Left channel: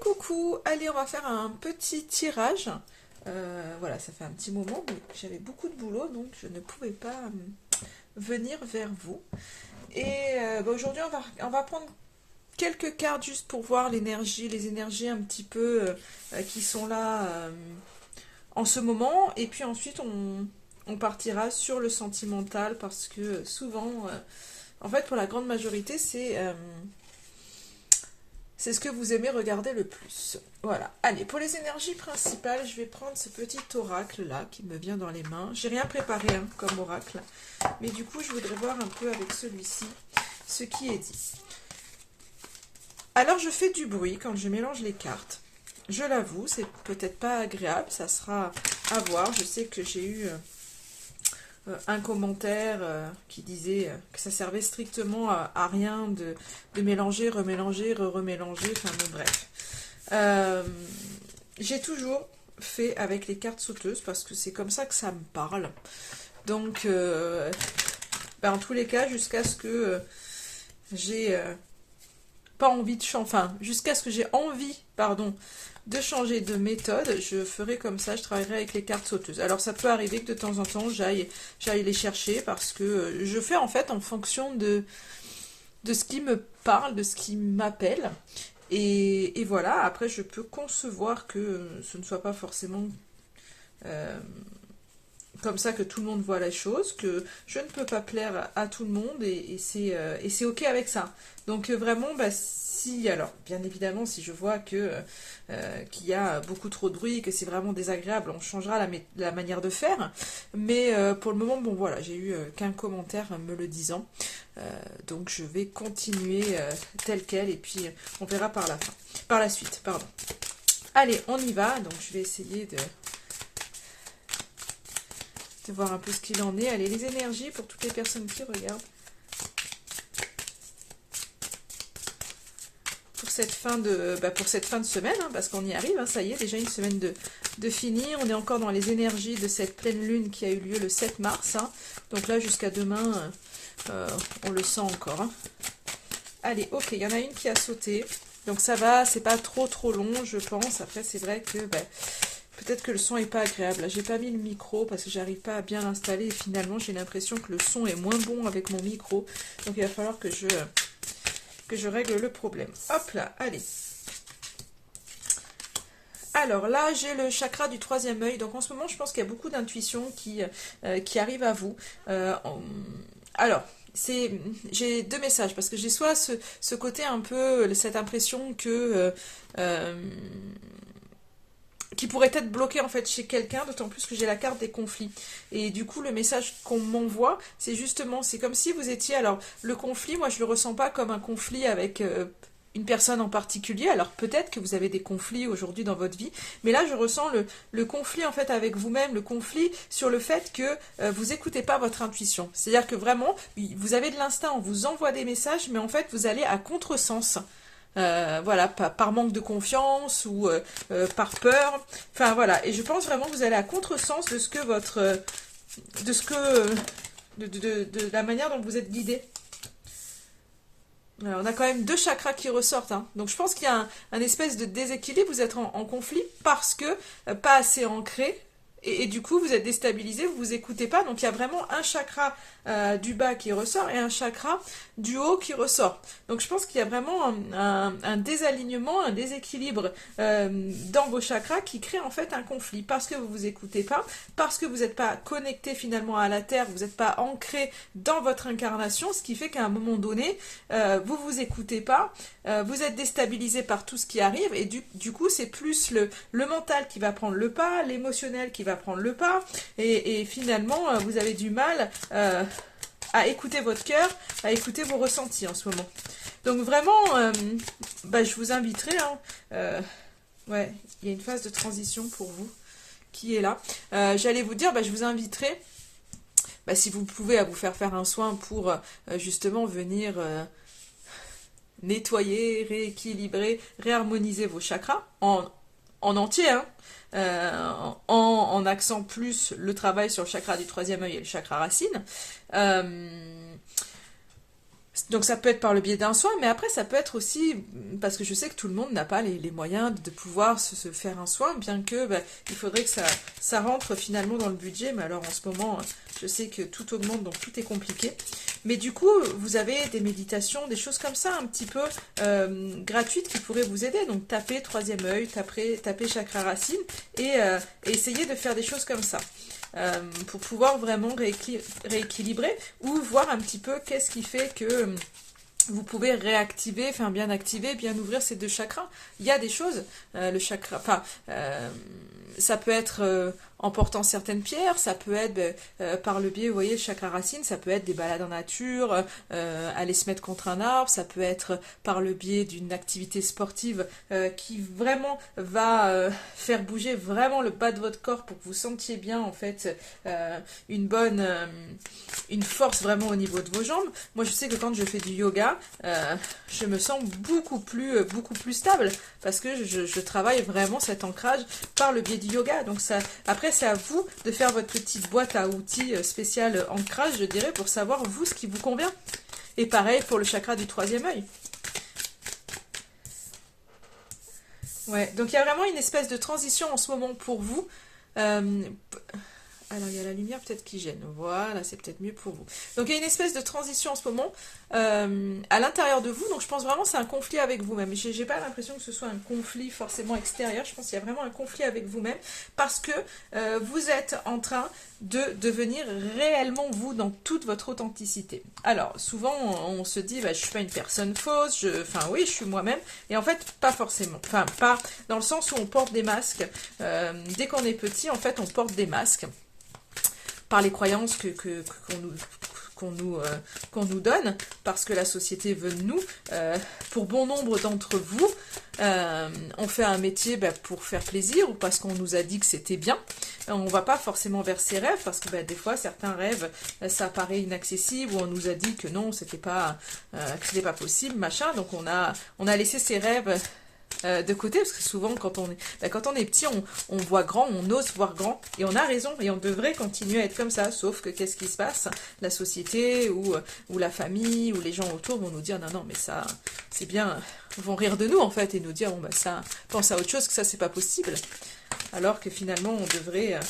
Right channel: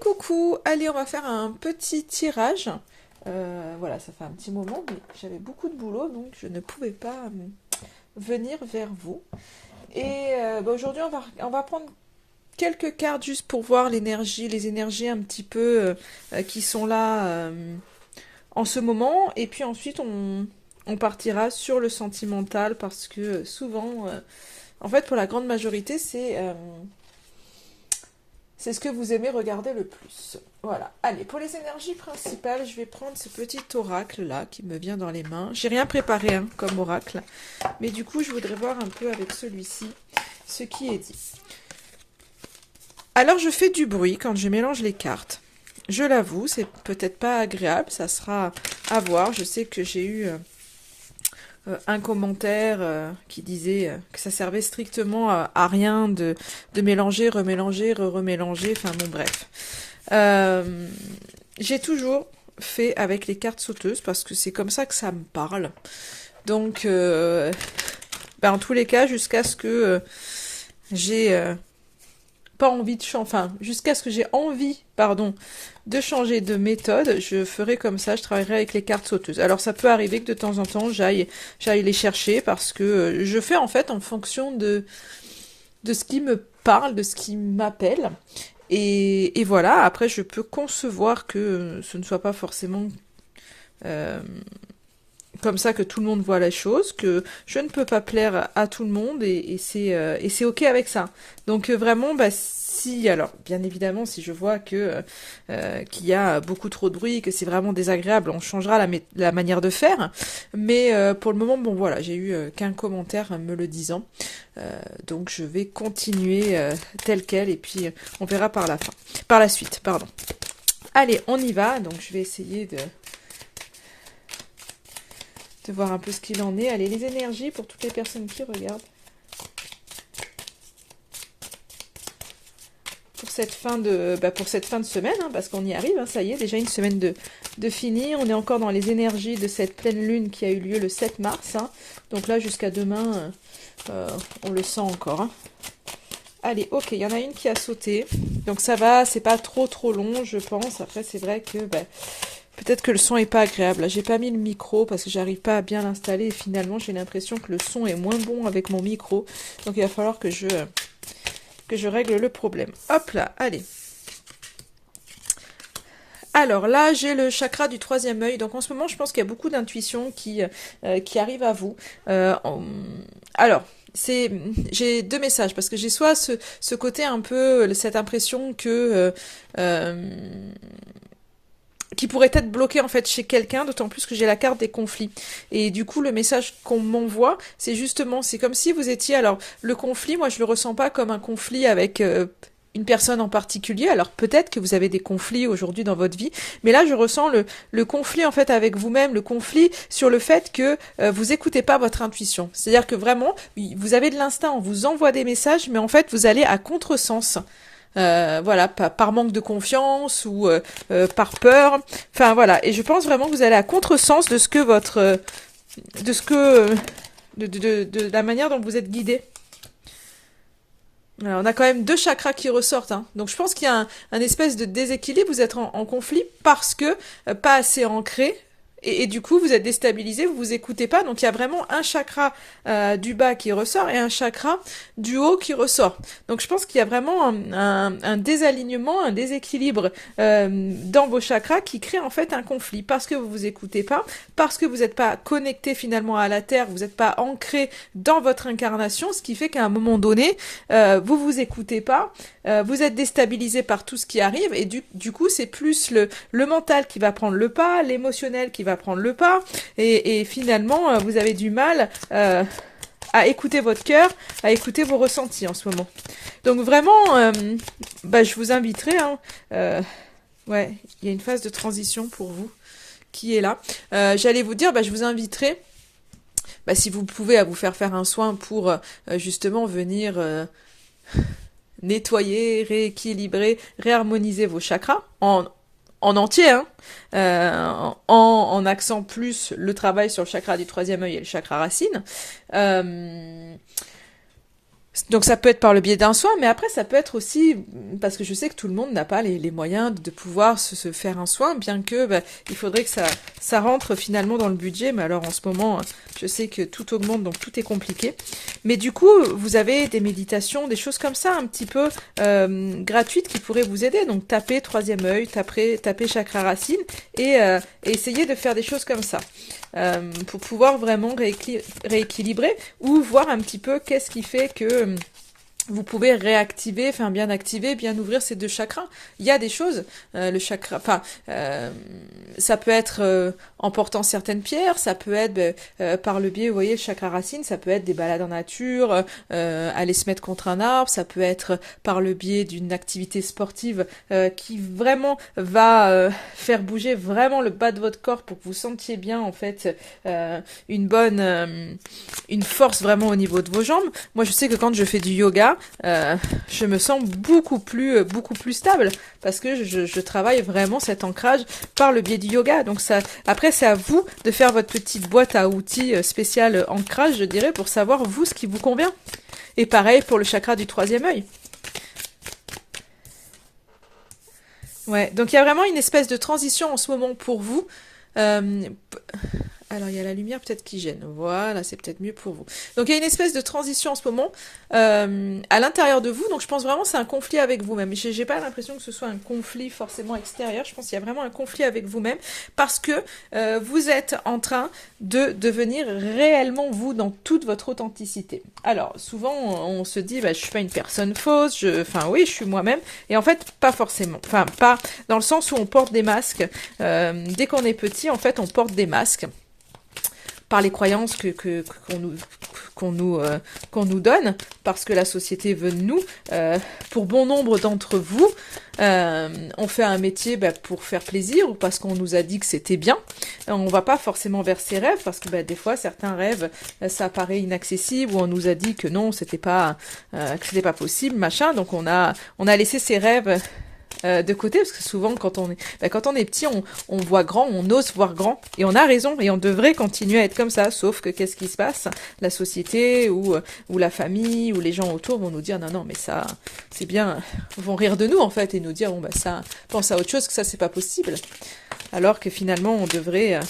Coucou, allez, on va faire un petit tirage. Voilà, ça fait un petit moment, mais j'avais beaucoup de boulot, donc je ne pouvais pas venir vers vous. Et aujourd'hui, on va prendre quelques cartes juste pour voir l'énergie, les énergies un petit peu qui sont là en ce moment. Et puis ensuite, on partira sur le sentimental parce que souvent, en fait, pour la grande majorité, c'est ce que vous aimez regarder le plus. Voilà. Allez, pour les énergies principales, je vais prendre ce petit oracle là qui me vient dans les mains. J'ai rien préparé hein, comme oracle, mais du coup, je voudrais voir un peu avec celui-ci ce qui est dit. Alors, je fais du bruit quand je mélange les cartes. Je l'avoue, c'est peut-être pas agréable, ça sera à voir. Je sais que j'ai eu un commentaire qui disait que ça servait strictement à rien de mélanger, remélanger, remélanger, enfin bon bref. J'ai toujours fait avec les cartes sauteuses parce que c'est comme ça que ça me parle. Donc, en tous les cas, jusqu'à ce que j'ai pas envie de changer, enfin, jusqu'à ce que j'ai envie, pardon, de changer de méthode, je ferai comme ça, je travaillerai avec les cartes sauteuses. Alors ça peut arriver que de temps en temps j'aille les chercher parce que je fais en fait en fonction de ce qui me parle, de ce qui m'appelle. Et voilà, après je peux concevoir que ce ne soit pas forcément euh, comme ça que tout le monde voit la chose, que je ne peux pas plaire à tout le monde et c'est ok avec ça. Donc vraiment, si, alors bien évidemment, si je vois que qu'il y a beaucoup trop de bruit, que c'est vraiment désagréable, on changera la manière de faire. Mais pour le moment, bon voilà, j'ai eu qu'un commentaire me le disant. Donc je vais continuer tel quel et puis on verra par la suite, pardon. Allez, on y va. Donc je vais essayer de voir un peu ce qu'il en est. Allez, les énergies pour toutes les personnes qui regardent. Pour cette fin de semaine, hein, parce qu'on y arrive, hein, ça y est, déjà une semaine de fini. On est encore dans les énergies de cette pleine lune qui a eu lieu le 7 mars. Hein. Donc là, jusqu'à demain, on le sent encore. Hein. Allez, ok, il y en a une qui a sauté. Donc ça va, c'est pas trop long, je pense. Après, c'est vrai que peut-être que le son est pas agréable. Là, j'ai pas mis le micro parce que j'arrive pas à bien l'installer. Et finalement, j'ai l'impression que le son est moins bon avec mon micro. Donc il va falloir que je règle le problème. Hop là, allez. Alors là, j'ai le chakra du troisième œil. Donc en ce moment, je pense qu'il y a beaucoup d'intuitions qui arrivent à vous. Alors, j'ai deux messages parce que j'ai soit ce côté un peu, cette impression que qui pourrait être bloqué en fait chez quelqu'un, d'autant plus que j'ai la carte des conflits. Et du coup, le message qu'on m'envoie, c'est justement, c'est comme si vous étiez, alors le conflit, moi je le ressens pas comme un conflit avec une personne en particulier, alors peut-être que vous avez des conflits aujourd'hui dans votre vie, mais là je ressens le conflit en fait avec vous-même, le conflit sur le fait que vous écoutez pas votre intuition. C'est-à-dire que vraiment, vous avez de l'instinct, on vous envoie des messages, mais en fait vous allez à contresens. Voilà, par manque de confiance ou par peur. Enfin voilà, et je pense vraiment que vous allez à contresens de ce que de ce que, de la manière dont vous êtes guidé. Alors, on a quand même deux chakras qui ressortent, hein. Donc je pense qu'il y a un espèce de déséquilibre. Vous êtes en conflit parce que pas assez ancré. Et du coup, vous êtes déstabilisé, vous vous écoutez pas. Donc il y a vraiment un chakra du bas qui ressort et un chakra du haut qui ressort. Donc je pense qu'il y a vraiment un désalignement, un déséquilibre dans vos chakras qui crée en fait un conflit parce que vous vous écoutez pas, parce que vous n'êtes pas connecté finalement à la terre, vous n'êtes pas ancré dans votre incarnation, ce qui fait qu'à un moment donné, vous vous écoutez pas, vous êtes déstabilisé par tout ce qui arrive et du coup c'est plus le mental qui va prendre le pas, l'émotionnel qui va prendre le pas et finalement vous avez du mal à écouter votre cœur, à écouter vos ressentis en ce moment. Donc vraiment, je vous inviterai, hein, ouais, il y a une phase de transition pour vous qui est là. J'allais vous dire, je vous inviterai, si vous pouvez, à vous faire un soin pour justement venir nettoyer, rééquilibrer, réharmoniser vos chakras en entier, hein, en axant plus le travail sur le chakra du troisième œil et le chakra racine. Donc ça peut être par le biais d'un soin, mais après ça peut être aussi, parce que je sais que tout le monde n'a pas les moyens de pouvoir se faire un soin, bien que il faudrait que ça rentre finalement dans le budget, mais alors en ce moment, je sais que tout augmente, donc tout est compliqué. Mais du coup, vous avez des méditations, des choses comme ça, un petit peu gratuites qui pourraient vous aider. Donc tapez troisième œil, tapez chakra racine, et essayez de faire des choses comme ça. Pour pouvoir vraiment rééquilibrer ou voir un petit peu qu'est-ce qui fait que vous pouvez réactiver, enfin bien activer, bien ouvrir ces deux chakras. Il y a des choses, le chakra, enfin, ça peut être en portant certaines pierres, ça peut être par le biais, vous voyez, chakra racine, ça peut être des balades en nature, aller se mettre contre un arbre, ça peut être par le biais d'une activité sportive qui vraiment va faire bouger vraiment le bas de votre corps pour que vous sentiez bien en fait une force vraiment au niveau de vos jambes. Moi je sais que quand je fais du yoga, je me sens beaucoup plus stable parce que je travaille vraiment cet ancrage par le biais du yoga. Donc ça, après c'est à vous de faire votre petite boîte à outils spéciale ancrage, je dirais, pour savoir vous ce qui vous convient. Et pareil pour le chakra du troisième œil. Ouais, donc il y a vraiment une espèce de transition en ce moment pour vous. Euh, alors, il y a la lumière peut-être qui gêne. Voilà, c'est peut-être mieux pour vous. Donc, il y a une espèce de transition en ce moment à l'intérieur de vous. Donc, je pense vraiment que c'est un conflit avec vous-même. J'ai pas l'impression que ce soit un conflit forcément extérieur. Je pense qu'il y a vraiment un conflit avec vous-même parce que vous êtes en train de devenir réellement vous dans toute votre authenticité. Alors, souvent, on se dit, je suis pas une personne fausse. Enfin, oui, je suis moi-même. Et en fait, pas forcément. Enfin, pas dans le sens où on porte des masques. Dès qu'on est petit, en fait, on porte des masques par les croyances qu'on nous donne, parce que la société veut de nous. Pour bon nombre d'entre vous, on fait un métier pour faire plaisir ou parce qu'on nous a dit que c'était bien. On va pas forcément vers ses rêves parce que des fois certains rêves ça paraît inaccessible ou on nous a dit que non, c'était pas possible, machin. Donc on a laissé ses rêves de côté, parce que souvent quand on est petit, on voit grand, on ose voir grand, et on a raison, et on devrait continuer à être comme ça, sauf que qu'est-ce qui se passe? La société ou la famille ou les gens autour vont nous dire non, mais ça c'est bien, vont rire de nous en fait et nous dire bon ça, pense à autre chose, que ça c'est pas possible, alors que finalement on devrait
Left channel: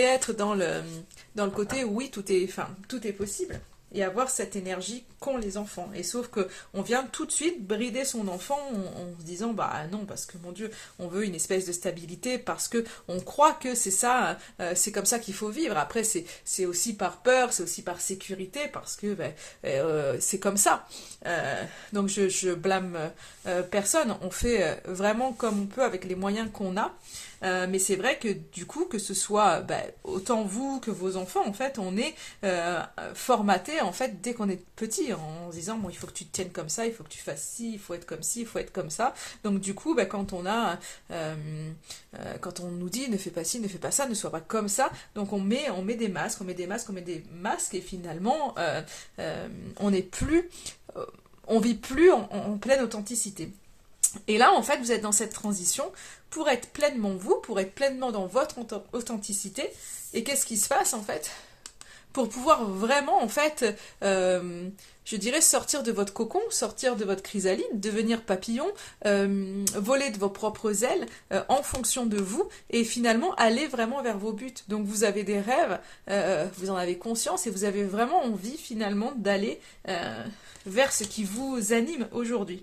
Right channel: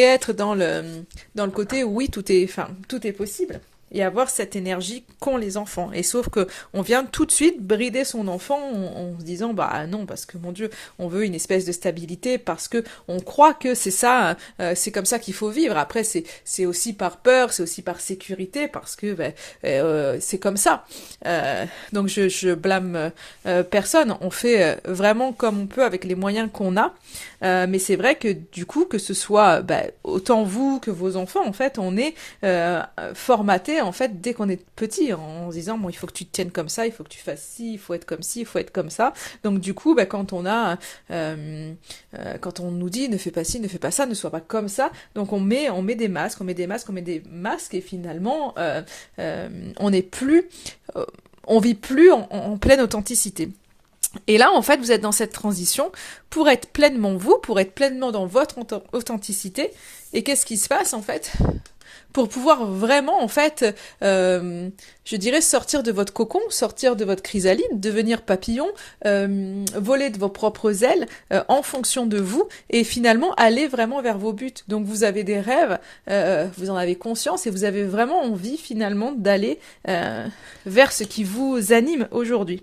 être dans le côté où oui tout est possible. Et avoir cette énergie qu'ont les enfants. Et sauf que on vient tout de suite brider son enfant en se disant non, parce que mon Dieu, on veut une espèce de stabilité parce que on croit que c'est ça, c'est comme ça qu'il faut vivre. Après c'est aussi par peur, c'est aussi par sécurité parce que c'est comme ça. Donc je blâme personne. On fait vraiment comme on peut avec les moyens qu'on a. Mais c'est vrai que du coup, que ce soit autant vous que vos enfants, en fait, on est formaté en fait dès qu'on est petit en se disant bon, il faut que tu te tiennes comme ça, il faut que tu fasses ci, il faut être comme ci, il faut être comme ça. Donc du coup, quand on nous dit ne fais pas ci, ne fais pas ça, ne sois pas comme ça, donc on met des masques, et finalement on n'est plus, on vit plus en pleine authenticité. Et là, en fait, vous êtes dans cette transition pour être pleinement vous, pour être pleinement dans votre authenticité. Et qu'est-ce qui se passe, en fait? Pour pouvoir vraiment, en fait, je dirais, sortir de votre cocon, sortir de votre chrysalide, devenir papillon, voler de vos propres ailes en fonction de vous et finalement aller vraiment vers vos buts. Donc vous avez des rêves, vous en avez conscience et vous avez vraiment envie finalement d'aller vers ce qui vous anime aujourd'hui.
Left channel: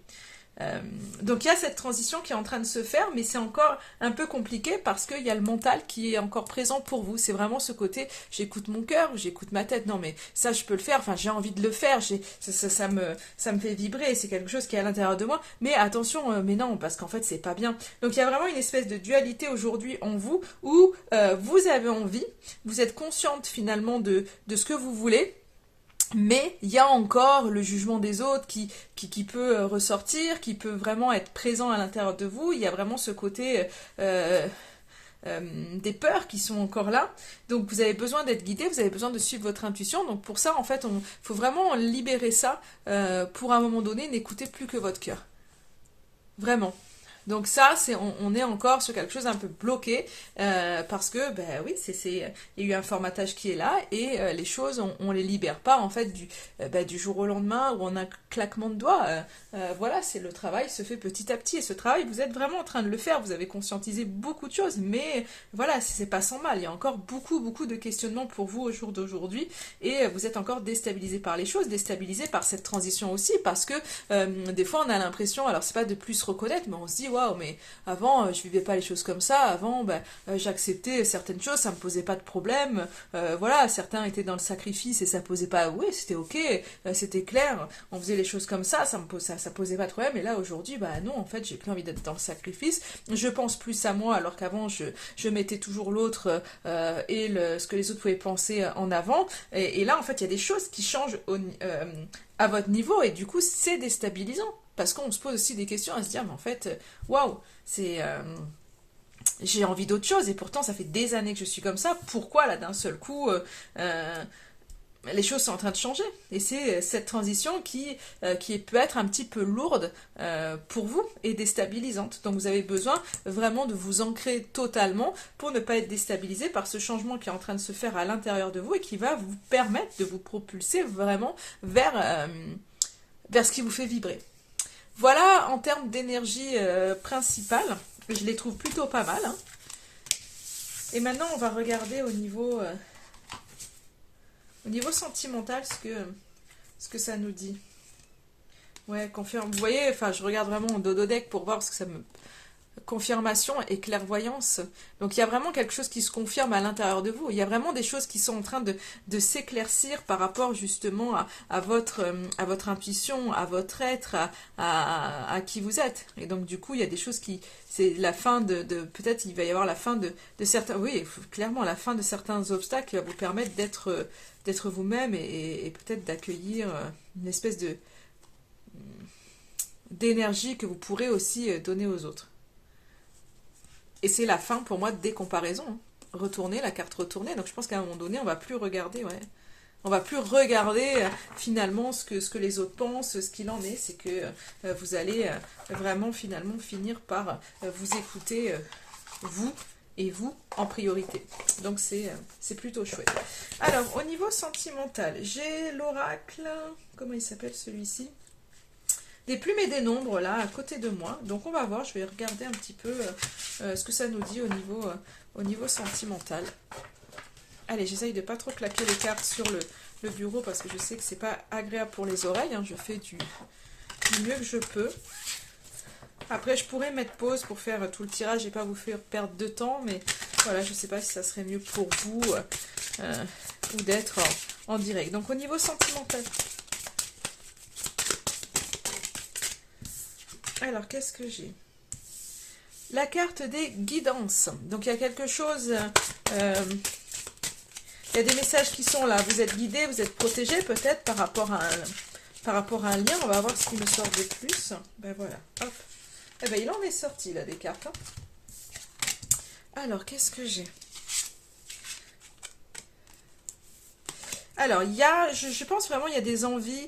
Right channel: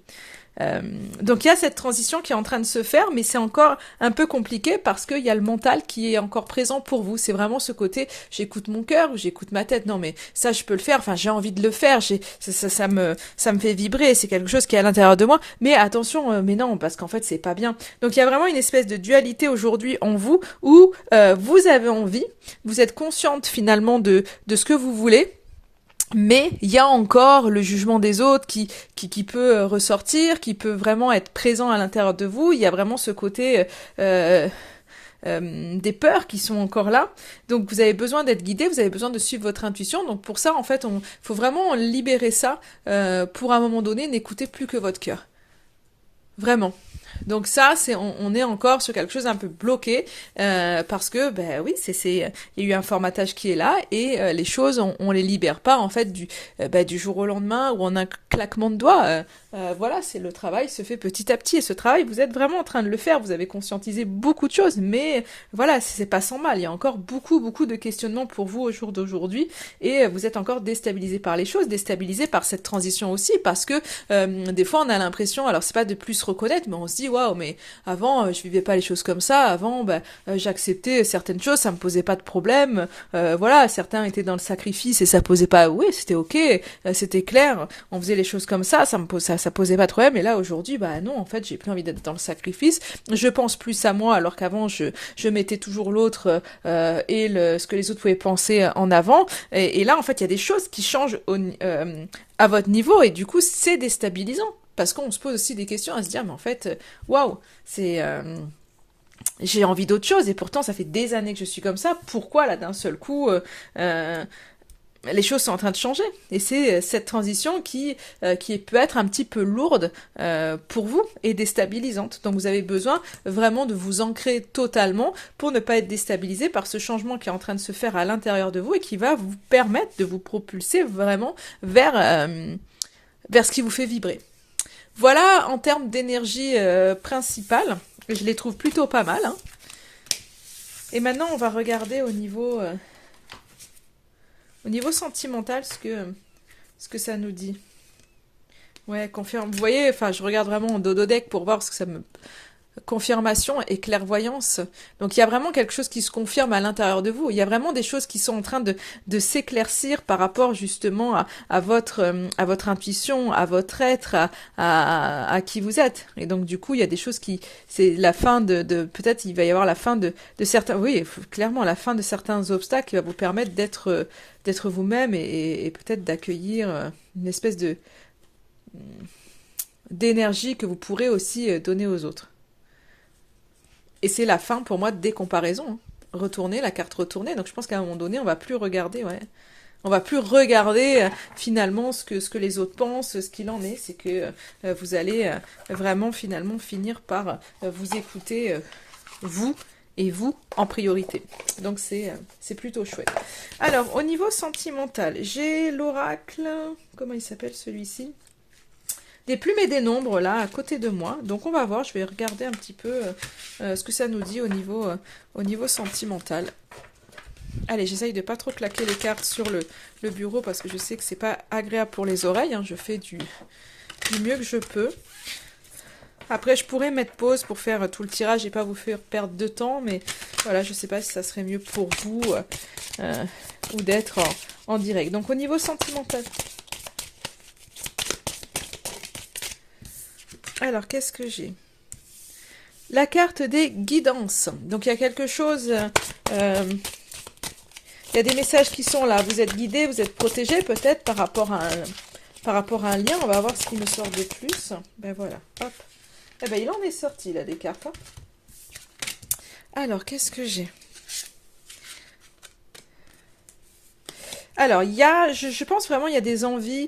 Donc il y a cette transition qui est en train de se faire, mais c'est encore un peu compliqué parce qu'il y a le mental qui est encore présent pour vous. C'est vraiment ce côté, j'écoute mon cœur, j'écoute ma tête. Non mais ça je peux le faire, enfin j'ai envie de le faire, ça me fait vibrer, c'est quelque chose qui est à l'intérieur de moi. Mais attention, mais non, parce qu'en fait c'est pas bien. Donc il y a vraiment une espèce de dualité aujourd'hui en vous où vous avez envie, vous êtes consciente finalement de ce que vous voulez. Mais il y a encore le jugement des autres qui peut ressortir, qui peut vraiment être présent à l'intérieur de vous. Il y a vraiment ce côté des peurs qui sont encore là. Donc vous avez besoin d'être guidé, vous avez besoin de suivre votre intuition. Donc pour ça, en fait, faut vraiment libérer ça pour à un moment donné n'écouter plus que votre cœur. Vraiment. Donc ça, on est encore sur quelque chose un peu bloqué parce que, ben oui, il y a eu un formatage qui est là et les choses, on les libère pas en fait du jour au lendemain ou en un claquement de doigts. Voilà, c'est le travail se fait petit à petit et ce travail, vous êtes vraiment en train de le faire. Vous avez conscientisé beaucoup de choses, mais voilà, c'est pas sans mal. Il y a encore beaucoup de questionnements pour vous au jour d'aujourd'hui et vous êtes encore déstabilisé par les choses, déstabilisé par cette transition aussi parce que des fois on a l'impression, alors c'est pas de plus se reconnaître, mais on se dit waouh, mais avant je vivais pas les choses comme ça, avant j'acceptais certaines choses, ça me posait pas de problème, voilà, certains étaient dans le sacrifice et ça posait pas, oui c'était ok, c'était clair, on faisait les choses comme ça posait pas de problème, et là aujourd'hui bah non en fait j'ai plus envie d'être dans le sacrifice, je pense plus à moi alors qu'avant je mettais toujours l'autre ce que les autres pouvaient penser en avant, et là en fait il y a des choses qui changent à votre niveau et du coup c'est déstabilisant parce qu'on se pose aussi des questions à se dire mais en fait waouh c'est j'ai envie d'autre chose et pourtant ça fait des années que je suis comme ça, pourquoi là d'un seul coup euh, les choses sont en train de changer et c'est cette transition qui peut être un petit peu lourde pour vous et déstabilisante, donc vous avez besoin vraiment de vous ancrer totalement pour ne pas être déstabilisé par ce changement qui est en train de se faire à l'intérieur de vous et qui va vous permettre de vous propulser vraiment vers ce qui vous fait vibrer. Voilà en termes d'énergie principale, je les trouve plutôt pas mal, hein. Et maintenant on va regarder au niveau sentimental ce que ça nous dit. Ouais, confirme. Vous voyez, enfin je regarde vraiment en dodo deck pour voir ce que ça me... Confirmation et clairvoyance. Donc il y a vraiment quelque chose qui se confirme à l'intérieur de vous. Il y a vraiment des choses qui sont en train de s'éclaircir par rapport justement à votre intuition, à votre être, à qui vous êtes. Et donc du coup il y a des choses qui... C'est la fin peut-être il va y avoir la fin de certains... Oui, clairement la fin de certains obstacles qui va vous permettre d'être vous-même et peut-être d'accueillir une espèce d'énergie que vous pourrez aussi donner aux autres. Et c'est la fin pour moi des comparaisons, hein. Retourner, la carte retournée. Donc je pense qu'à un moment donné, on va plus regarder, ouais. On va plus regarder finalement ce que les autres pensent, ce qu'il en est. C'est que vous allez vraiment finalement finir par vous écouter, vous et vous en priorité. Donc c'est plutôt chouette. Alors au niveau sentimental, j'ai l'oracle, comment il s'appelle celui-ci? Des plumes et des nombres là à côté de moi. Donc on va voir, je vais regarder un petit peu ce que ça nous dit au niveau sentimental. Allez, j'essaye de pas trop claquer les cartes sur le bureau parce que je sais que c'est pas agréable pour les oreilles, hein. Je fais du mieux que je peux. Après, je pourrais mettre pause pour faire tout le tirage et pas vous faire perdre de temps, mais voilà, je sais pas si ça serait mieux pour vous ou d'être en direct. Donc au niveau sentimental. Alors, qu'est-ce que j'ai? La carte des guidances. Donc, il y a quelque chose... il y a des messages qui sont là. Vous êtes guidé, vous êtes protégé peut-être par rapport à un lien. On va voir ce qui me sort de plus. Ben voilà, hop. Eh ben, il en est sorti, là, des cartes, hein. Alors, qu'est-ce que j'ai? Alors, je pense vraiment, il y a des envies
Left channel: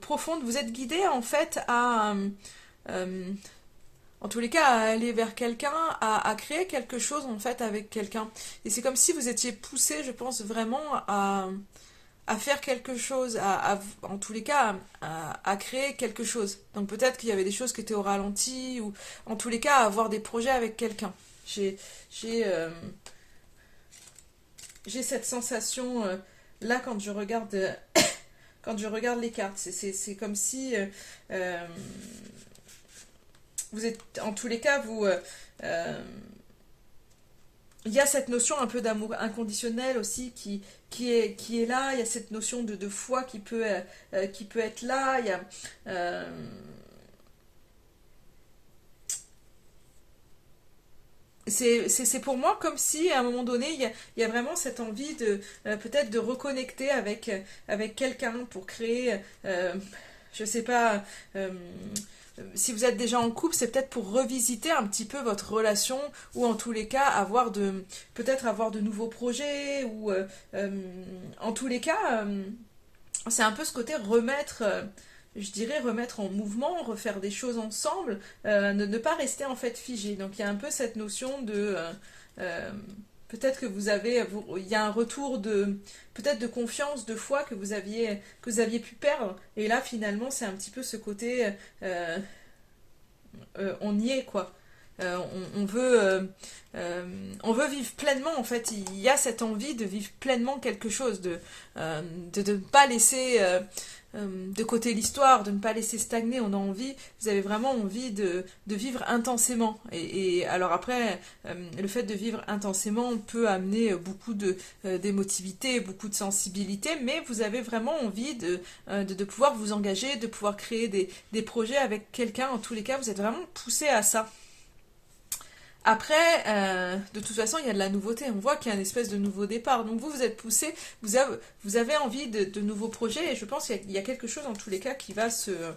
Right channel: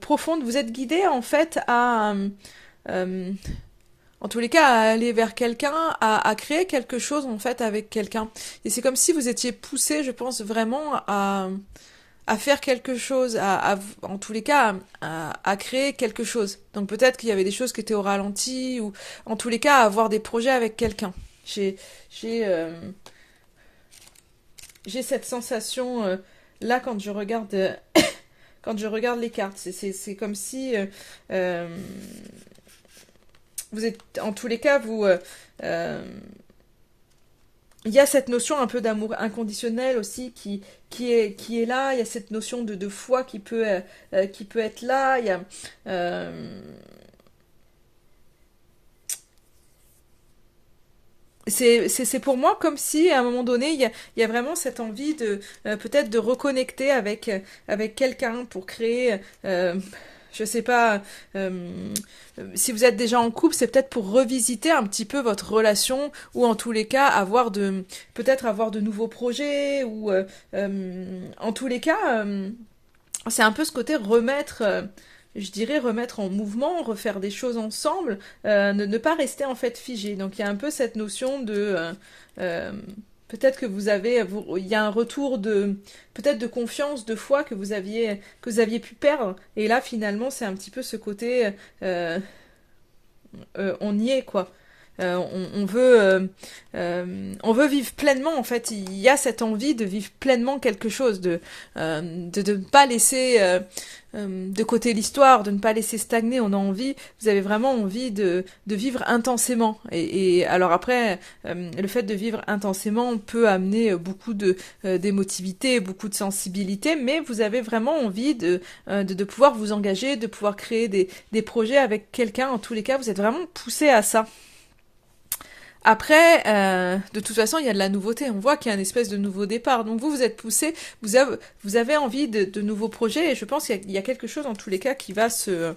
profondes. Vous êtes guidé, en fait, euh, en tous les cas, à aller vers quelqu'un, à créer quelque chose en fait avec quelqu'un. Et c'est comme si vous étiez poussé, je pense, vraiment à faire quelque chose, en tous les cas, à créer quelque chose. Donc peut-être qu'il y avait des choses qui étaient au ralenti, ou en tous les cas, à avoir des projets avec quelqu'un. J'ai, j'ai, euh, j'ai cette sensation là quand je regarde, quand je regarde les cartes. C'est comme si euh, vous êtes, en tous les cas, euh, il y a cette notion un peu d'amour inconditionnel aussi qui est là. Il y a cette notion de foi qui peut être là. Il y a, c'est pour moi comme si à un moment donné il y a vraiment cette envie de peut-être de reconnecter avec quelqu'un pour créer je sais pas si vous êtes déjà en couple, c'est peut-être pour revisiter un petit peu votre relation ou en tous les cas peut-être avoir de nouveaux projets ou en tous les cas c'est un peu ce côté remettre je dirais, remettre en mouvement, refaire des choses ensemble, ne pas rester en fait figé. Donc il y a un peu cette notion de... euh, peut-être que il y a un retour de, peut-être de confiance, de foi que vous aviez pu perdre. Et là, finalement, c'est un petit peu ce côté, euh, on y est, quoi. On veut vivre pleinement, en fait. Il y a cette envie de vivre pleinement quelque chose, de ne pas laisser de côté l'histoire, de ne pas laisser stagner. On a envie, vous avez vraiment envie de vivre intensément. Et alors après, le fait de vivre intensément peut amener beaucoup d'émotivité, beaucoup de sensibilité, mais vous avez vraiment envie de pouvoir vous engager, de pouvoir créer des projets avec quelqu'un. En tous les cas, vous êtes vraiment poussé à ça. Après, de toute façon, il y a de la nouveauté. On voit qu'il y a une espèce de nouveau départ. Donc vous êtes poussé, vous avez envie de nouveaux projets. Et je pense qu'il y a quelque chose, en tous les cas, euh,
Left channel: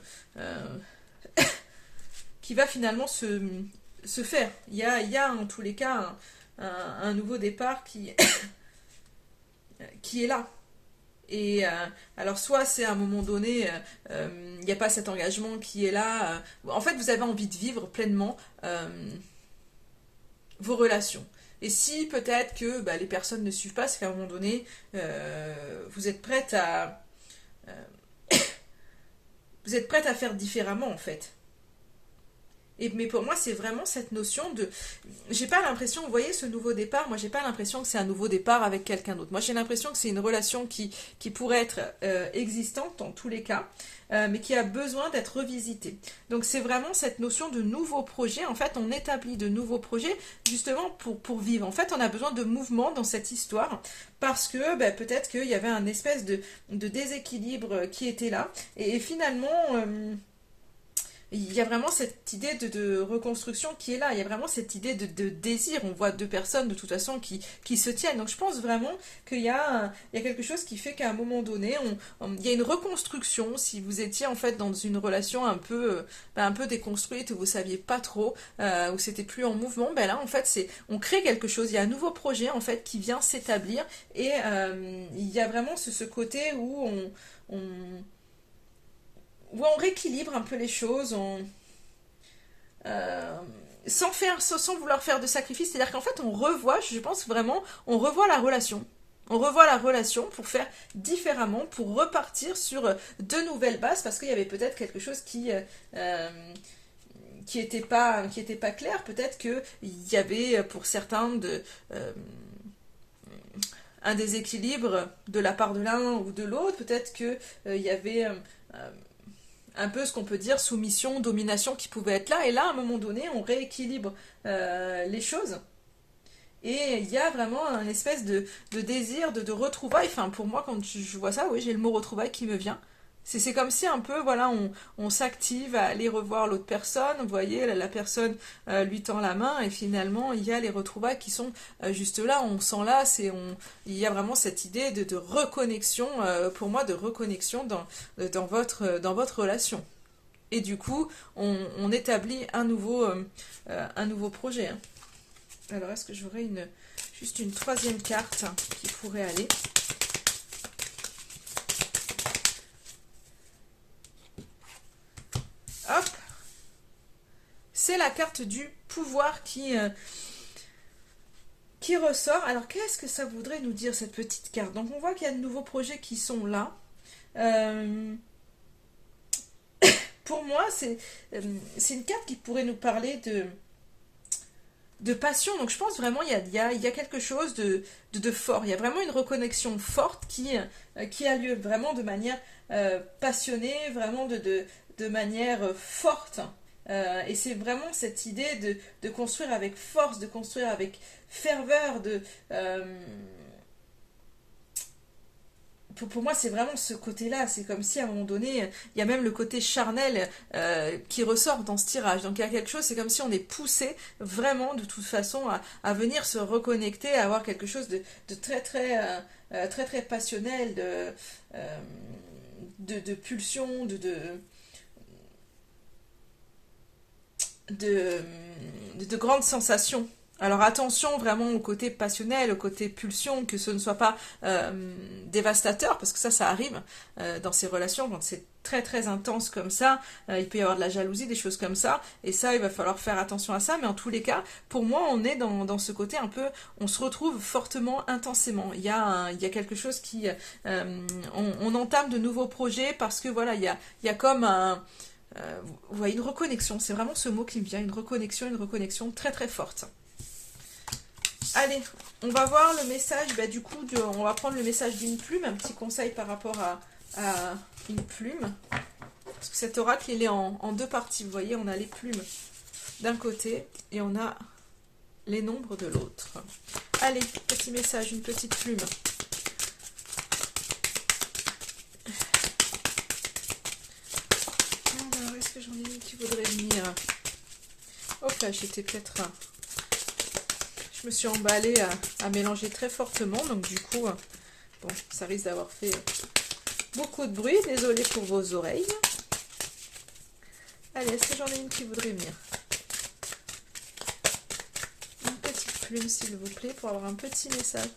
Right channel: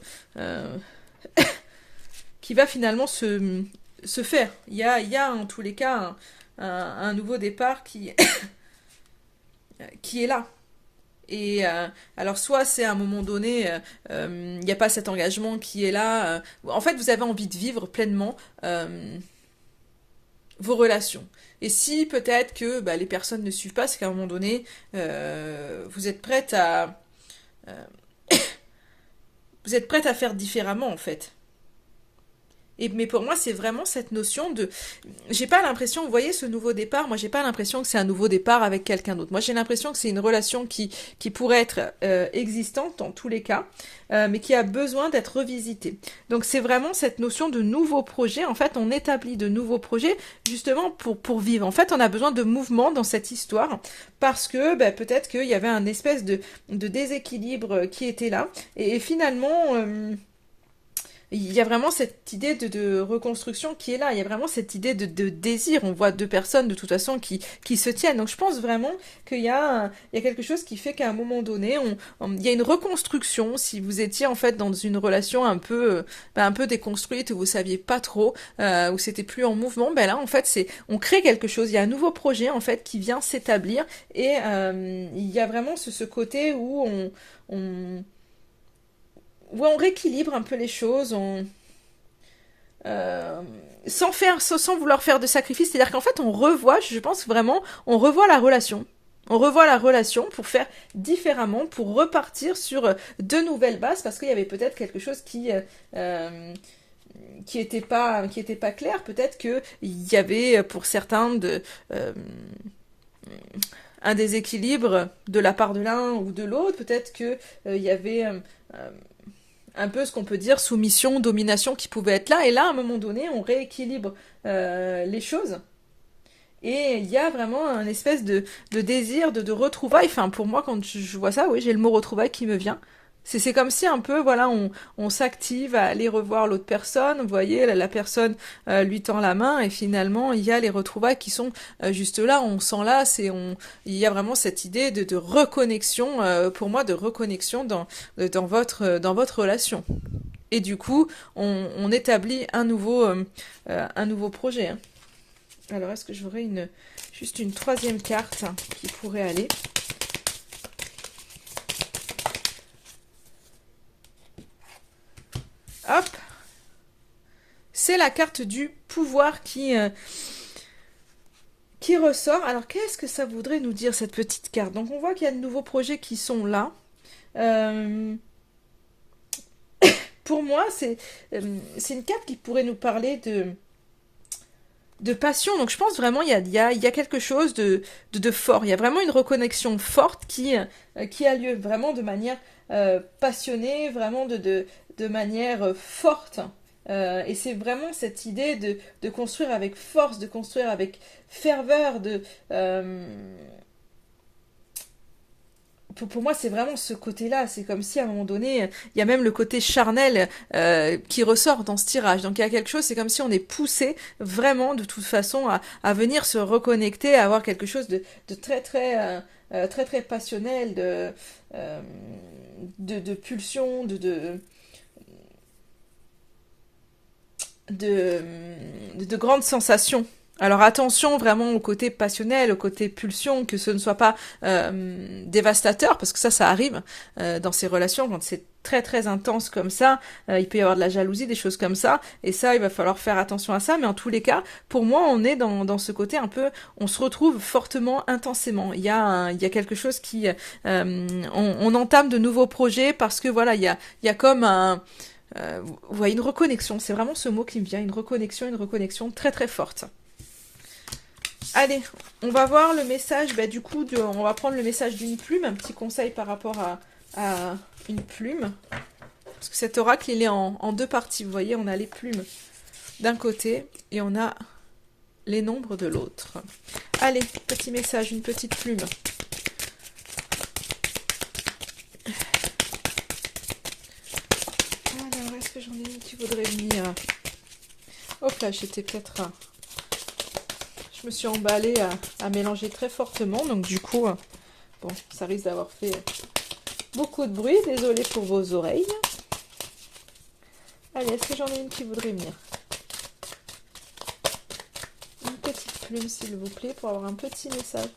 qui va finalement se faire. Il y a, en tous les cas, un nouveau départ qui est là. Et alors soit c'est à un moment donné, il n'y a pas cet engagement qui est là. En fait, vous avez envie de vivre pleinement vos relations. Et si peut-être que bah, les personnes ne suivent pas, c'est qu'à un moment donné, vous êtes prête vous êtes prête à faire différemment en fait. Mais pour moi, c'est vraiment cette notion de... J'ai pas l'impression, vous voyez, ce nouveau départ, moi, j'ai pas l'impression que c'est un nouveau départ avec quelqu'un d'autre. Moi, j'ai l'impression que c'est une relation qui pourrait être existante dans tous les cas, mais qui a besoin d'être revisitée. Donc, c'est vraiment cette notion de nouveau projet. En fait, on établit de nouveaux projets justement pour vivre. En fait, on a besoin de mouvement dans cette histoire parce que bah, peut-être qu'il y avait un espèce de déséquilibre qui était là. Et finalement... il y a vraiment cette idée de reconstruction qui est là. Il y a vraiment cette idée de désir. On voit deux personnes de toute façon qui se tiennent. Donc je pense vraiment il y a quelque chose qui fait qu'à un moment donné, il y a une reconstruction. Si vous étiez en fait dans une relation un peu déconstruite où vous saviez pas trop, où c'était plus en mouvement, ben là en fait on crée quelque chose. Il y a un nouveau projet en fait qui vient s'établir et il y a vraiment ce côté où on où on rééquilibre un peu les choses, euh, sans vouloir faire de sacrifice. C'est-à-dire qu'en fait, on revoit, je pense vraiment, on revoit la relation. On revoit la relation pour faire différemment, pour repartir sur de nouvelles bases, parce qu'il y avait peut-être quelque chose qui était pas clair. Peut-être qu'il y avait pour certains un déséquilibre de la part de l'un ou de l'autre. Peut-être qu'il y avait un peu ce qu'on peut dire soumission, domination qui pouvait être là. Et là, à un moment donné, on rééquilibre les choses. Et il y a vraiment un espèce de désir, de retrouvailles. Enfin, pour moi, quand je vois ça, oui, j'ai le mot retrouvailles qui me vient. C'est comme si un peu, voilà, on s'active à aller revoir l'autre personne. Vous voyez, la personne lui tend la main et finalement, il y a les retrouvailles qui sont juste là. On s'enlace et il y a vraiment cette idée de reconnexion, pour moi, de reconnexion dans votre relation. Et du coup, on établit un nouveau projet. Hein. Alors, est-ce que j'aurais juste une troisième carte qui pourrait aller? Hop, c'est la carte du pouvoir qui ressort. Alors, qu'est-ce que ça voudrait nous dire, cette petite carte? Donc, on voit qu'il y a de nouveaux projets qui sont là. Euh, pour moi, c'est une carte qui pourrait nous parler de passion. Donc, je pense vraiment il y a quelque chose de fort. Il y a vraiment une reconnexion forte qui a lieu vraiment de manière passionnée, vraiment de manière forte. Et c'est vraiment cette idée de construire avec force, de construire avec ferveur, pour moi, c'est vraiment ce côté-là. C'est comme si à un moment donné, il y a même le côté charnel qui ressort dans ce tirage. Donc il y a quelque chose, c'est comme si on est poussé vraiment de toute façon à venir se reconnecter, à avoir quelque chose de très très passionnel, de pulsion, de grandes sensations Alors attention vraiment au côté passionnel, au côté pulsion, que ce ne soit pas dévastateur, parce que ça arrive dans ces relations quand c'est très très intense comme ça. Il peut y avoir de la jalousie, des choses comme ça, et ça, il va falloir faire attention à ça. Mais en tous les cas, pour moi, on est dans ce côté un peu, on se retrouve fortement, intensément. Il y a quelque chose qui, on entame de nouveaux projets parce que voilà, il y a comme un, vous voyez, une reconnexion. C'est vraiment ce mot qui me vient, une reconnexion très très forte. Allez, on va voir le message, bah, du coup, on va prendre le message d'une plume, un petit conseil par rapport à une plume. Parce que cet oracle, il est en deux parties, vous voyez, on a les plumes d'un côté et on a les nombres de l'autre. Allez, petit message, une petite plume. Alors, est-ce que j'en ai une qui voudrait venir? Hop là, j'étais peut-être... Je me suis emballée à mélanger très fortement, donc du coup, bon, ça risque d'avoir fait beaucoup de bruit. Désolée pour vos oreilles. Allez, est-ce que j'en ai une qui voudrait venir? Une petite plume, s'il vous plaît, pour avoir un petit message.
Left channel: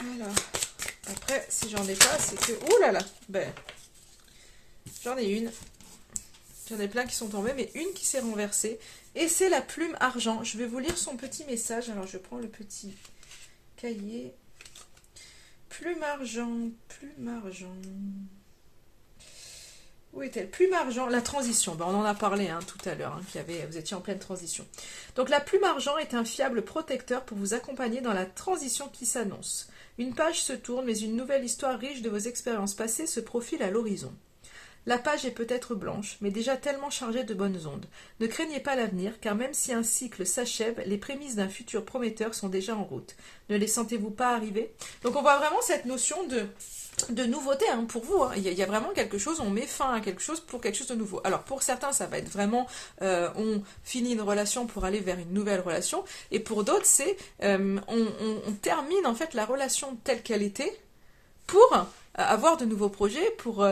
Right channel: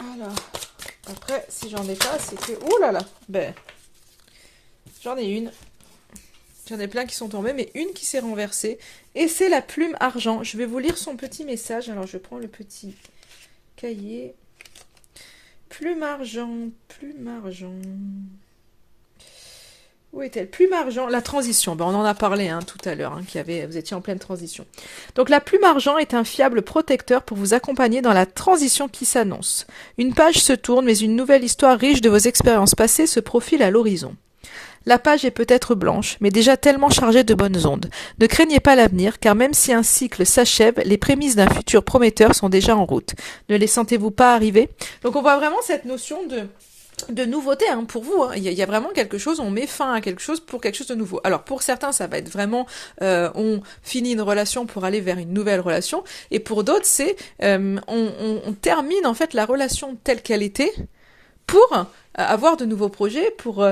Alors, après, si j'en ai pas, c'est que... Ouh là là, ben, j'en ai une. Il y en a plein qui sont tombés, mais une qui s'est renversée. Et c'est la plume argent. Je vais vous lire son petit message. Alors, je prends le petit cahier. Plume argent, plume argent. Où est-elle? Plume argent, la transition. Ben, on en a parlé tout à l'heure, vous étiez en pleine transition. Donc, la plume argent est un fiable protecteur pour vous accompagner dans la transition qui s'annonce. Une page se tourne, mais une nouvelle histoire riche de vos expériences passées se profile à l'horizon. La page est peut-être blanche, mais déjà tellement chargée de bonnes ondes. Ne craignez pas l'avenir, car même si un cycle s'achève, les prémices d'un futur prometteur sont déjà en route. Ne les sentez-vous pas arriver? Donc on voit vraiment cette notion de nouveauté pour vous. Il y a vraiment quelque chose, on met fin à quelque chose pour quelque chose de nouveau. Alors pour certains, ça va être vraiment, on finit une relation pour aller vers une nouvelle relation, et pour d'autres, c'est on termine en fait la relation telle qu'elle était pour avoir de nouveaux projets, pour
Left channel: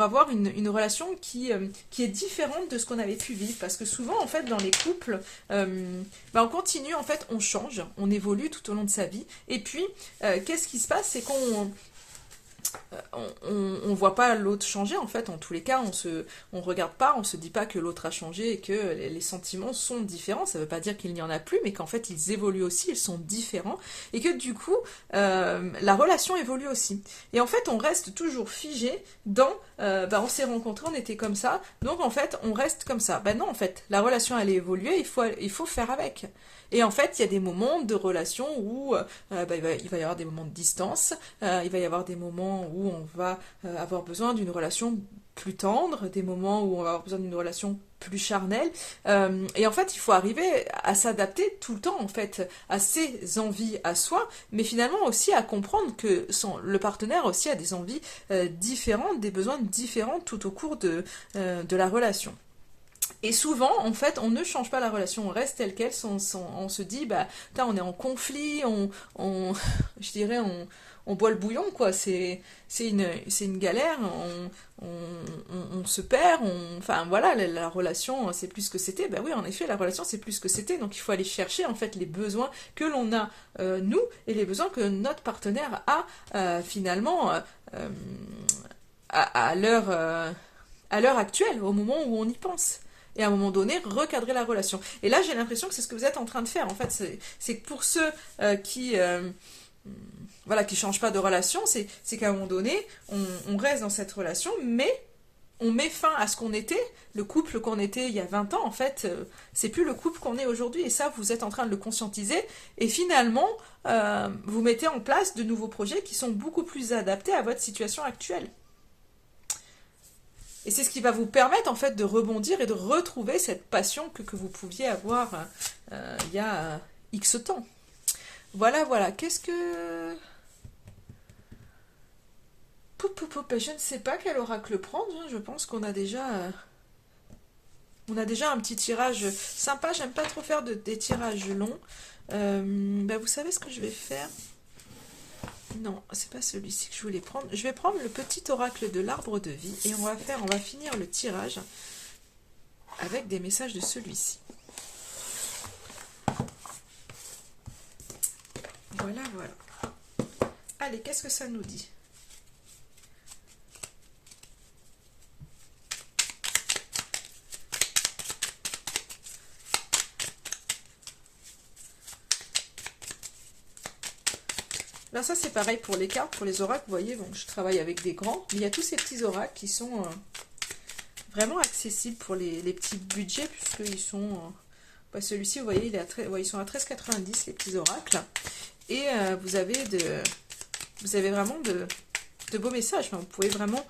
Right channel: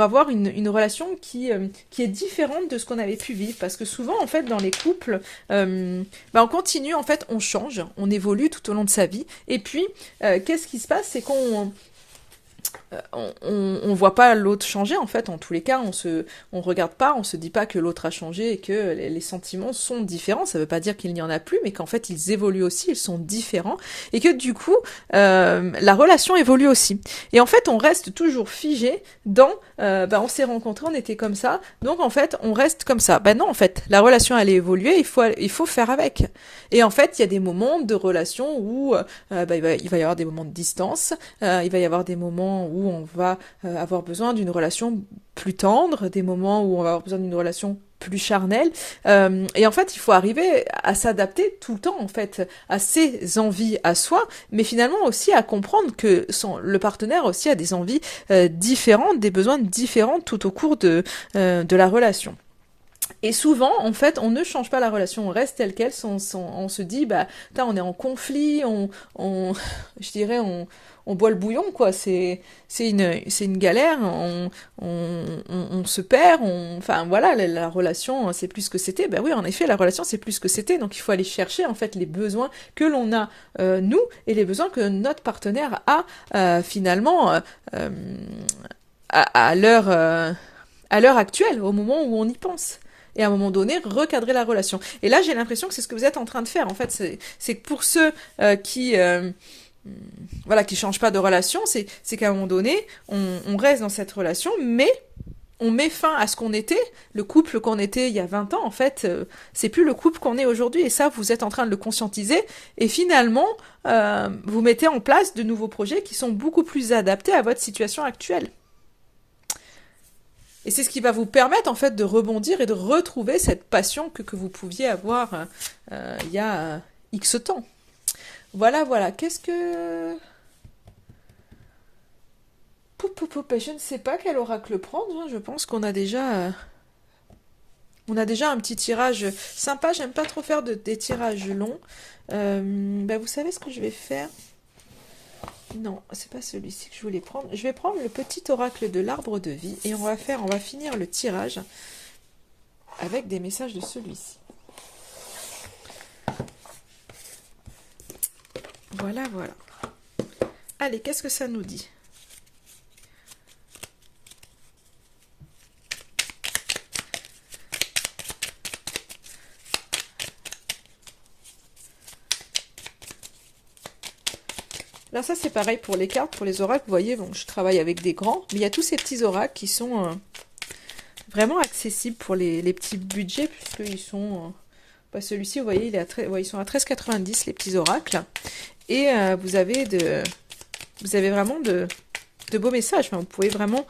avoir une relation qui est différente de ce qu'on avait pu vivre. Parce que souvent, en fait, dans les couples, on continue, en fait, on change, on évolue tout au long de sa vie. Et puis, qu'est-ce qui se passe? C'est on voit pas l'autre changer en fait. En tous les cas, on regarde pas, on se dit pas que l'autre a changé et que les sentiments sont différents. Ça veut pas dire qu'il n'y en a plus, mais qu'en fait ils évoluent aussi, ils sont différents et que du coup la relation évolue aussi. Et en fait on reste toujours figé dans on s'est rencontrés, on était comme ça, donc en fait on reste comme ça. Non, en fait la relation elle est évoluée, il faut faire avec. Et en fait il y a des moments de relation où il va y avoir des moments de distance, il va y avoir des moments où on va avoir besoin d'une relation plus tendre, des moments où on va avoir besoin d'une relation plus charnelle. Et en fait, il faut arriver à s'adapter tout le temps, en fait, à ses envies à soi, mais finalement aussi à comprendre que le partenaire aussi a des envies différentes, des besoins différents tout au cours de la relation. Et souvent, en fait, on ne change pas la relation, on reste telle quelle, on se dit, on est en conflit, je dirais, on boit le bouillon, quoi. C'est une galère, on se perd, enfin voilà, la relation, c'est plus ce que c'était. Ben oui, en effet, la relation, c'est plus ce que c'était. Donc il faut aller chercher, en fait, les besoins que l'on a, nous, et les besoins que notre partenaire a, finalement, à l'heure actuelle, au moment où on y pense. Et à un moment donné, recadrer la relation. Et là, j'ai l'impression que c'est ce que vous êtes en train de faire. En fait, c'est que pour ceux qui changent pas de relation, c'est qu'à un moment donné, on reste dans cette relation, mais on met fin à ce qu'on était, le couple qu'on était il y a 20 ans, en fait, c'est plus le couple qu'on est aujourd'hui, et ça, vous êtes en train de le conscientiser, et finalement, vous mettez en place de nouveaux projets qui sont beaucoup plus adaptés à votre situation actuelle. Et c'est ce qui va vous permettre en fait de rebondir et de retrouver cette passion que vous pouviez avoir il y a X temps. Voilà. Qu'est-ce que... Je ne sais pas quel oracle prendre. Je pense qu'on a déjà... On a déjà un petit tirage sympa. J'aime pas trop faire des tirages longs. Vous savez ce que je vais faire? Non, c'est pas celui-ci que je voulais prendre. Je vais prendre le petit oracle de l'arbre de vie et on va finir le tirage. avec des messages de celui-ci. Voilà, voilà. Allez, qu'est-ce que ça nous dit? Là, ça, c'est pareil pour les cartes, pour les oracles. Vous voyez, bon, je travaille avec des grands, mais il y a tous ces petits oracles qui sont vraiment accessibles pour les petits budgets, puisqu'ils sont... celui-ci, vous voyez, ils sont à 13,90 les petits oracles. Et vous avez vraiment de beaux messages. Enfin, vous pouvez vraiment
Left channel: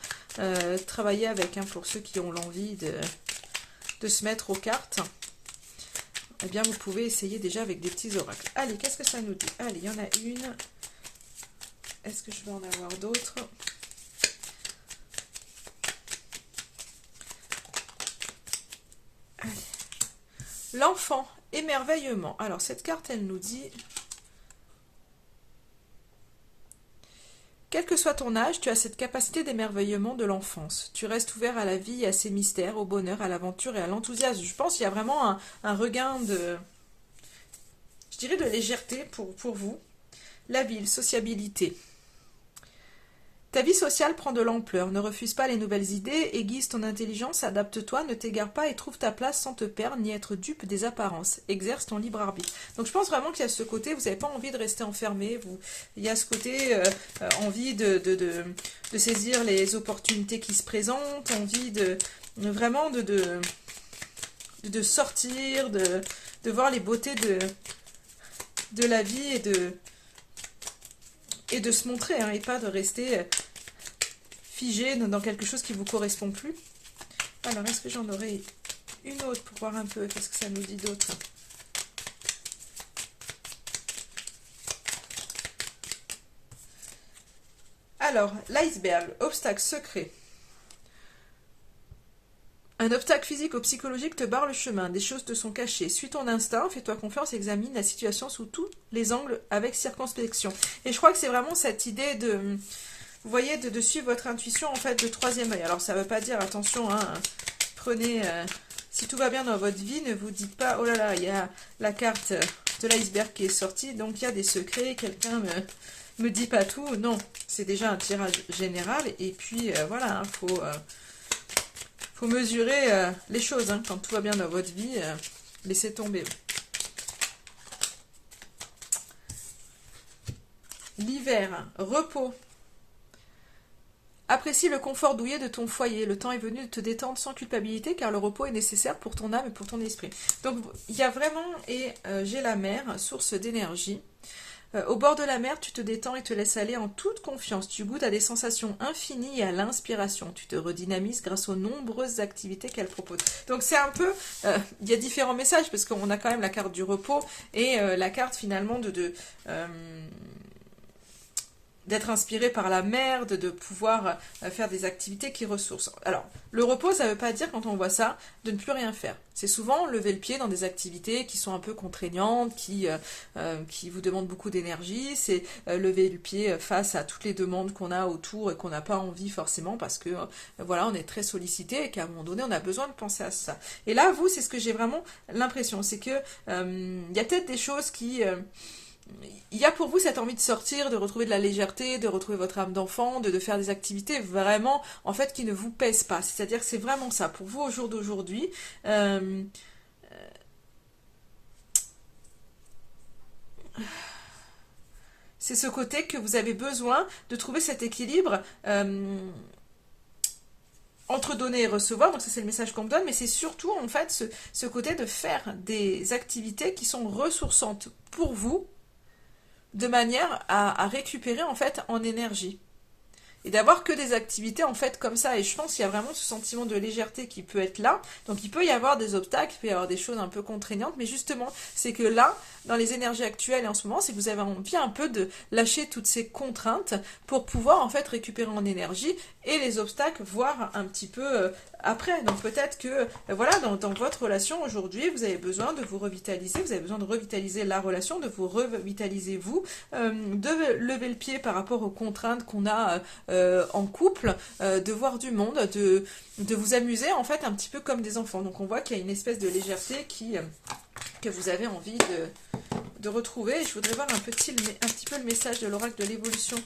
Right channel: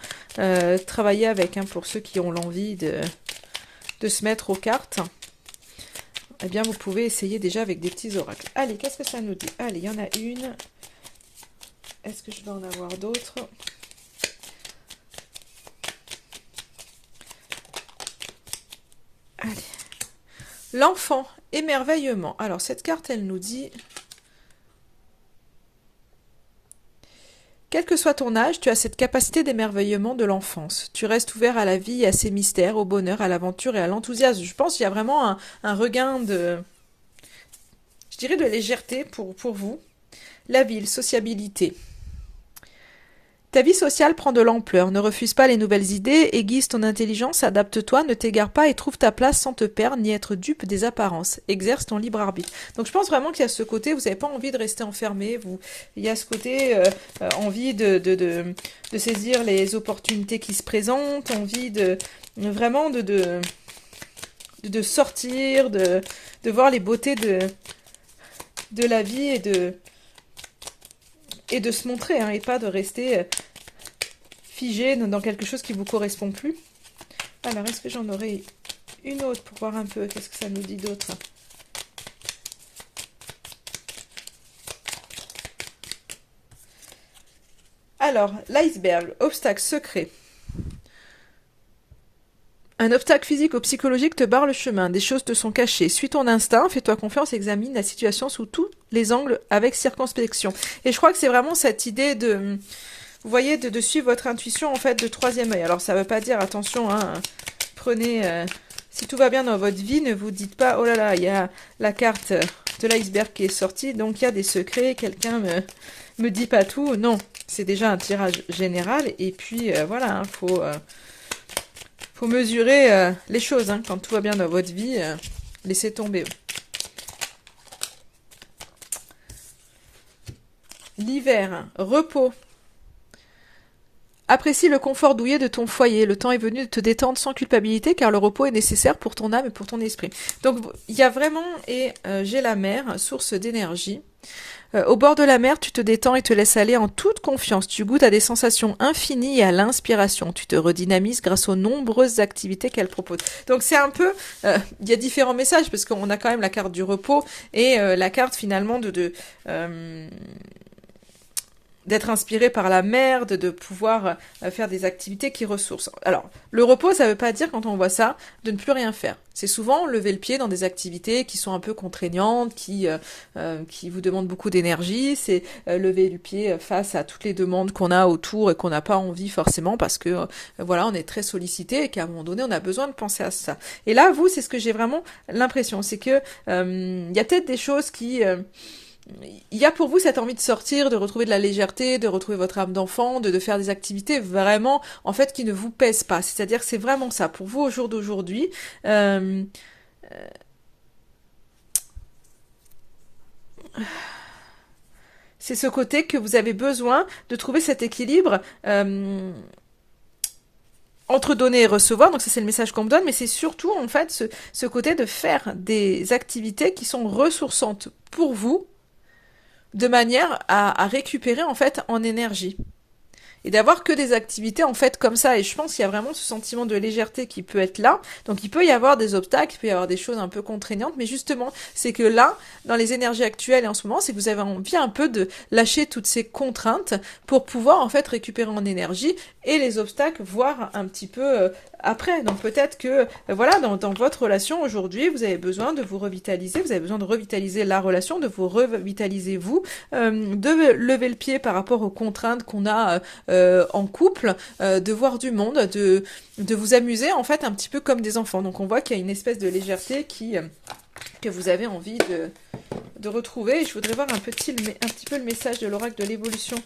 travailler avec, hein, pour ceux qui ont l'envie de se mettre aux cartes. Eh bien, vous pouvez essayer déjà avec des petits oracles. Allez, qu'est-ce que ça nous dit? Allez, il y en a une. Est-ce que je vais en avoir d'autres? Allez. L'enfant, émerveillement. Alors, cette carte, elle nous dit... Quel que soit ton âge, tu as cette capacité d'émerveillement de l'enfance. Tu restes ouvert à la vie, à ses mystères, au bonheur, à l'aventure et à l'enthousiasme. Je pense qu'il y a vraiment un regain de... Je dirais de légèreté pour vous. La ville, sociabilité. Ta vie sociale prend de l'ampleur, ne refuse pas les nouvelles idées, aiguise ton intelligence, adapte-toi, ne t'égare pas et trouve ta place sans te perdre ni être dupe des apparences. Exerce ton libre arbitre. Donc je pense vraiment qu'il y a ce côté, vous n'avez pas envie de rester enfermé, il y a ce côté envie de saisir les opportunités qui se présentent, envie vraiment de sortir, de voir les beautés de la vie et de se montrer, hein, et pas de rester figé dans quelque chose qui ne vous correspond plus. Alors, est-ce que j'en aurai une autre pour voir un peu qu'est-ce que ça nous dit d'autre? Alors, l'iceberg, obstacle secret. Un obstacle physique ou psychologique te barre le chemin, des choses te sont cachées. Suis ton instinct, fais-toi confiance, examine la situation sous tous les angles avec circonspection. Et je crois que c'est vraiment cette idée de, vous voyez, de suivre votre intuition en fait de troisième œil. Alors ça ne veut pas dire, attention, hein, prenez, si tout va bien dans votre vie, ne vous dites pas, oh là là, il y a la carte de l'iceberg qui est sortie, donc il y a des secrets, quelqu'un me dit pas tout. Non, c'est déjà un tirage général et puis voilà, il faut mesurer les choses, hein. Quand tout va bien dans votre vie, laissez tomber. L'hiver, repos. Apprécie le confort douillet de ton foyer. Le temps est venu de te détendre sans culpabilité car le repos est nécessaire pour ton âme et pour ton esprit. Donc il y a vraiment, et j'ai la mer, source d'énergie. Au bord de la mer, tu te détends et te laisses aller en toute confiance. Tu goûtes à des sensations infinies et à l'inspiration. Tu te redynamises grâce aux nombreuses activités qu'elle propose. Donc c'est un peu... il y a différents messages parce qu'on a quand même la carte du repos et la carte finalement d'être inspiré par la mer, de pouvoir faire des activités qui ressourcent. Alors, le repos, ça ne veut pas dire, quand on voit ça, de ne plus rien faire. C'est souvent lever le pied dans des activités qui sont un peu contraignantes, qui vous demandent beaucoup d'énergie. C'est lever le pied face à toutes les demandes qu'on a autour et qu'on n'a pas envie forcément parce que, voilà, on est très sollicité et qu'à un moment donné, on a besoin de penser à ça. Et là, vous, c'est ce que j'ai vraiment l'impression. C'est que il y a peut-être des choses qui... il y a pour vous cette envie de sortir, de retrouver de la légèreté, de retrouver votre âme d'enfant, de faire des activités vraiment, en fait, qui ne vous pèsent pas. C'est-à-dire que c'est vraiment ça. Pour vous, au jour d'aujourd'hui, c'est ce côté que vous avez besoin de trouver cet équilibre entre donner et recevoir. Donc ça, c'est le message qu'on me donne, mais c'est surtout, en fait, ce côté de faire des activités qui sont ressourçantes pour vous, de manière à récupérer en fait en énergie. Et d'avoir que des activités en fait comme ça. Et je pense qu'il y a vraiment ce sentiment de légèreté qui peut être là. Donc il peut y avoir des obstacles, il peut y avoir des choses un peu contraignantes, mais justement, c'est que là, dans les énergies actuelles et en ce moment, c'est que vous avez envie un peu de lâcher toutes ces contraintes pour pouvoir en fait récupérer en énergie et les obstacles voir un petit peu après. Donc peut-être que voilà, dans votre relation aujourd'hui, vous avez besoin de vous revitaliser, vous avez besoin de revitaliser la relation, de vous revitaliser vous, de lever le pied par rapport aux contraintes qu'on a en couple, de voir du monde, de vous amuser en fait un petit peu comme des enfants. Donc on voit qu'il y a une espèce de légèreté que vous avez envie de retrouver. Et je voudrais voir un petit peu le message de l'oracle de l'évolution.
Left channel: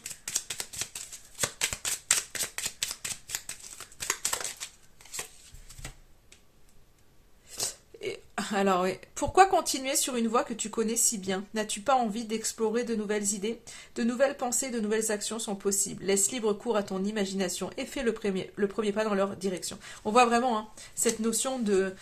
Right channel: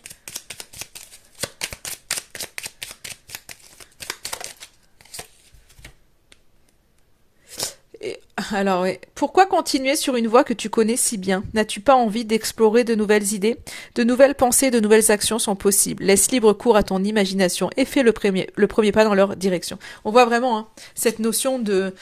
Alors, oui. Pourquoi continuer sur une voie que tu connais si bien? N'as-tu pas envie d'explorer de nouvelles idées? De nouvelles pensées, de nouvelles actions sont possibles. Laisse libre cours à ton imagination et fais le premier pas dans leur direction. On voit vraiment hein, cette notion de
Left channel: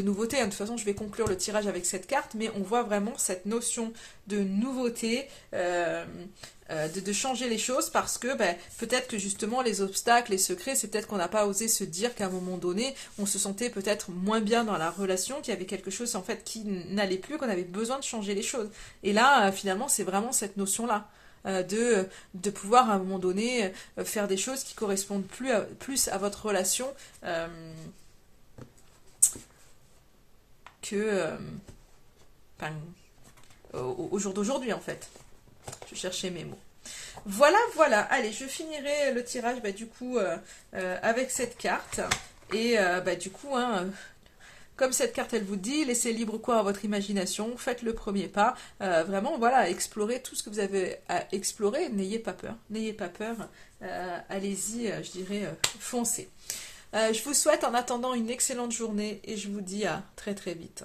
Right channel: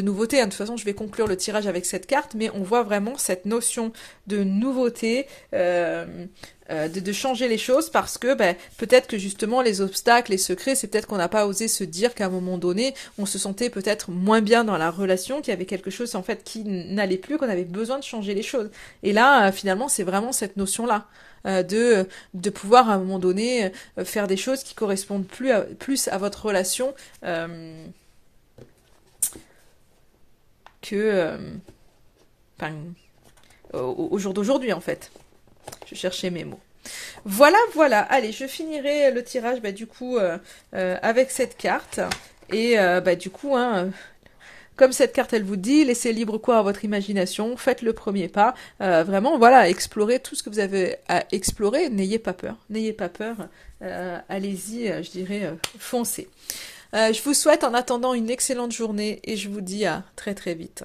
nouveauté. De toute façon, je vais conclure le tirage avec cette carte, mais on voit vraiment cette notion de nouveauté, de changer les choses parce que ben, peut-être que justement les obstacles, les secrets, c'est peut-être qu'on n'a pas osé se dire qu'à un moment donné, on se sentait peut-être moins bien dans la relation, qu'il y avait quelque chose en fait qui n'allait plus, qu'on avait besoin de changer les choses. Et là, finalement, c'est vraiment cette notion-là. De pouvoir à un moment donné faire des choses qui correspondent plus à votre relation que enfin, au jour d'aujourd'hui en fait. Je cherchais mes mots. Voilà, voilà. Allez, je finirai le tirage bah, du coup avec cette carte. Et bah, du coup, hein, comme cette carte elle vous dit, laissez libre cours à votre imagination, faites le premier pas. Vraiment, voilà, explorez tout ce que vous avez à explorer. N'ayez pas peur. N'ayez pas peur. Allez-y, je dirais, foncez. Je vous souhaite en attendant une excellente journée et je vous dis à très très vite.